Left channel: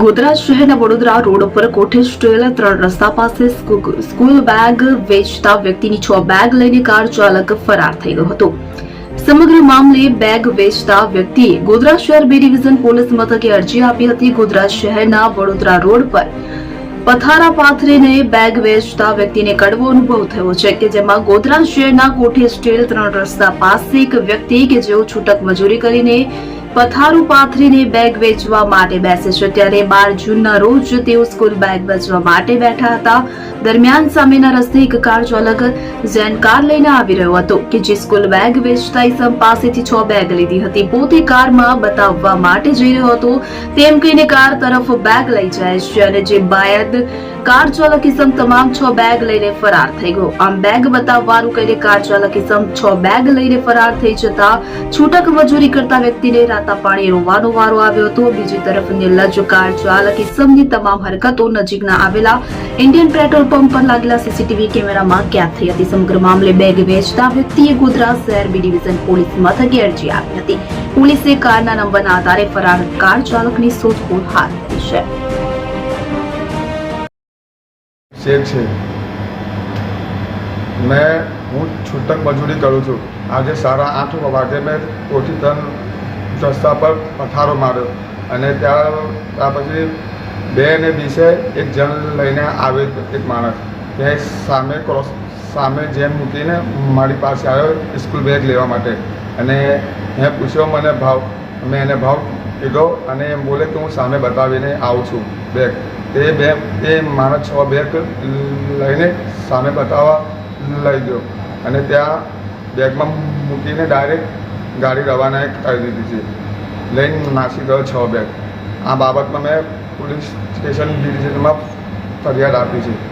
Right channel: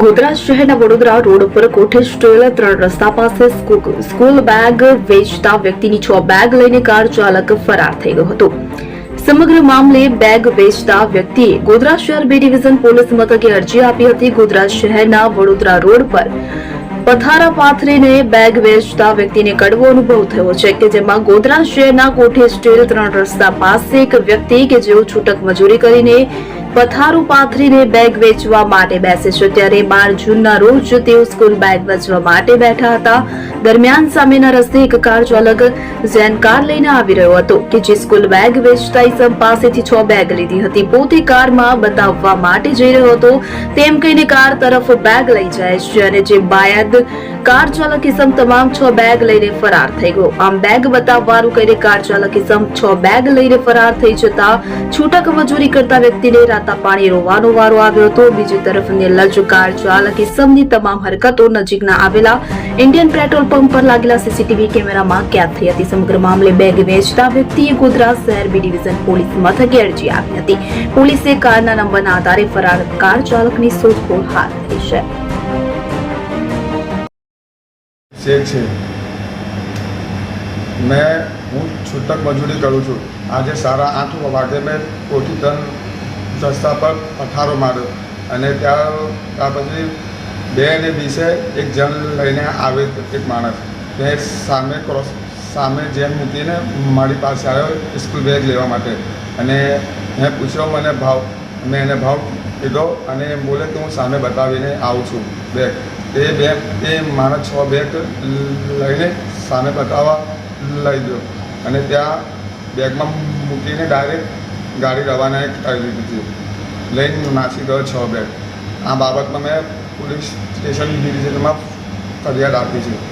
ગોધરા શહેરના વડોદરા રોડ ઉપર કોઠેજ ટોયલ ત્રણ રસ્તા પાસે સ્કૂલ બેગ વેચતા વ્યક્તિની છ બેગ લઈને કાર ચાલક ફરાર થઈ ગયો હતો. સમગ્ર મામલે બેગ વેચતા વ્યક્તિએ ગોધરા શહેર બે ડિવિઝન પોલીસ મથકે અરજી આપી હતી. ગોધરા શહેરના વડોદરા રોડ પર પથારા પાથરીને બેગ વેચતા વ્યક્તિને કડવો અનુભવ થયો છે કે જેમાં ગોધરા શહેરના કોઠી ટોયલ ત્રણ રસ્તા પાસે એક વ્યક્તિ કે જેઓ છૂટક મજૂરી કરીને પથારું પાથરીને બેગ વેચવા માટે બેસે છે. ત્યારે બાર જૂનના રોજ તેઓ સ્કૂલ બેગ વેચવા માટે બેઠા હતા. દરમિયાન સામેના રસ્તે એક કાર ચાલક ઝેન કાર લઈને આવી રહ્યો હતો કે જે સ્કૂલ બેગ વેચતા ઇસમ પાસેથી છ બેગ લીધી હતી. પોતે કારમાં બતાવવા માટે જઈ રહ્યો હતો. તેમ કહીને કાર તરફ બેગ લઈ જાય છે અને જે બાયદ કાર ચાલક ઇસમ તમામ છ બેગ લઈને ફરાર થઈ ગયો. આમ બેગ બતાવવાનું કહીને કાર ચાલક ઇસમ છ બેગ લઈને ફરાર થઈ જતા છૂટક મજૂરી કરતા વ્યક્તિને રાતા પાણી રોવાનો વારો આવ્યો હતો. બીજી તરફ નિર્લજ કાર ચાલક ઇસમની તમામ હરકતો નજીકના આવેલા ઇન્ડિયન પેટ્રોલ પંપ પર લાગેલા સીસીટીવી કેમેરામાં કેદ થઈ હતી સમગ્ર મામલે બેગ વેચતા વ્યક્તિએ ગોધરા શહેર બી ડિવિઝન પોલીસ મથકે અરજી આપી હતી. પોલીસે કારના નંબરના આધારે ફરાર કાર ચાલકની શોધખોળ હાથ ધરી છે. મેં, હું છૂટક મજૂરી કરું છું. આજે સાડા આઠ વાગે મેં કોઠી ત્રણ રસ્તા પર પથારો માર્યો અને ત્યાં ત્યાર પછી બે ને વીસે એક જણ લઈને આવે એક માણસ. તે સામે ક્રોસ સામે જેમ મૂકીને મારી પાસે આવ્યો સ્કૂલ બેગ લેવા માટે. અને મેં પૂછ્યો મને ભાવ, મેં એને ભાવ કીધો અને એમ બોલે કે હું સામે બતાવીને આવું છું બેગ એ બેગ એ માણસ છ બેગ લઈને સામે બતાવવા લઈ ગયો. અને ત્યાં બેગમાં મૂકીને ડાયરેક્ટ ગાડી રવાના કરી દીધી છે. લઈને નાસી ગયો છ બેગ આ બાબતમાં મેં પોલીસ સ્ટેશન ડિવિઝનમાં ફરિયાદ આપી છે.